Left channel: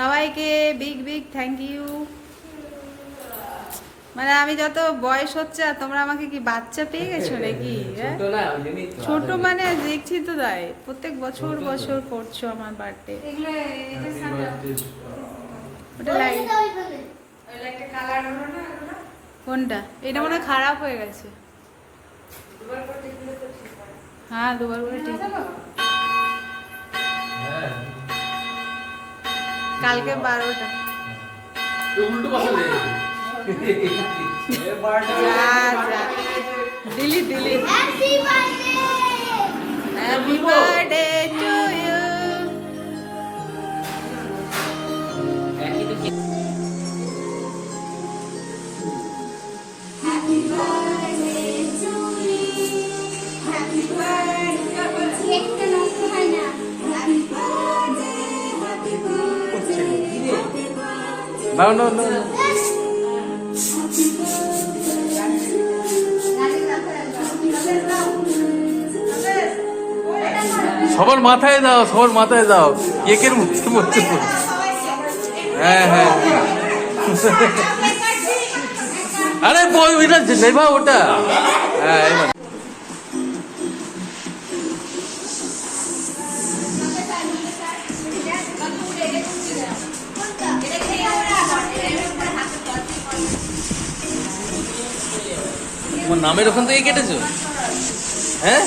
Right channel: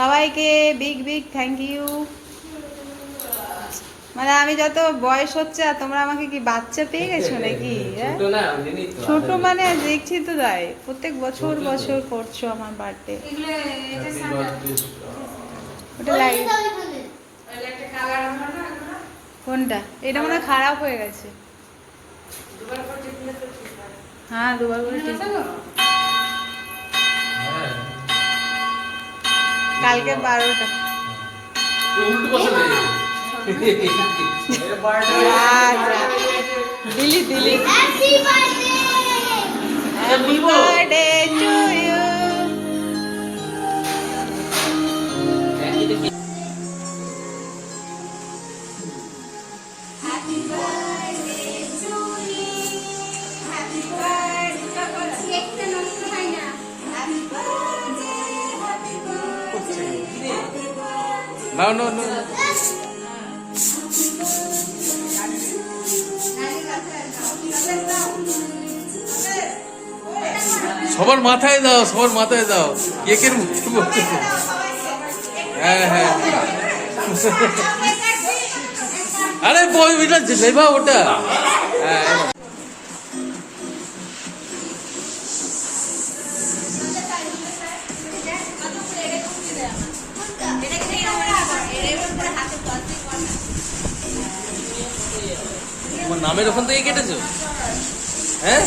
সবাইকে big big thank you. মানে আমি যত বয়স হচ্ছে আর তোমরা আমাকে কি বাচ্চা পেয়ে গেছো নাকি? ছোট মানে দেখছি তো তাই, প্রত্যেক বছর বছর করছো আমার বার্থডে। ওটা লাইট কোনটা? এটা মনে হয় খারাপ হয়ে গেছে। হ্যাঁ দুবার করে ঠিক। কালকে 12টা। দিলি দিলি। Happy birthday to you. No, no, no, no. সবার মাথায় দাও, সবার মাথায় দাও, কেকের মধ্যে বলছে। হ্যাঁ হ্যাঁ আরে বই ওইটা নেবা ওটা। হ্যাঁ এবার তোমার নামের ওখান থেকে কেটেছো? হ্যাঁ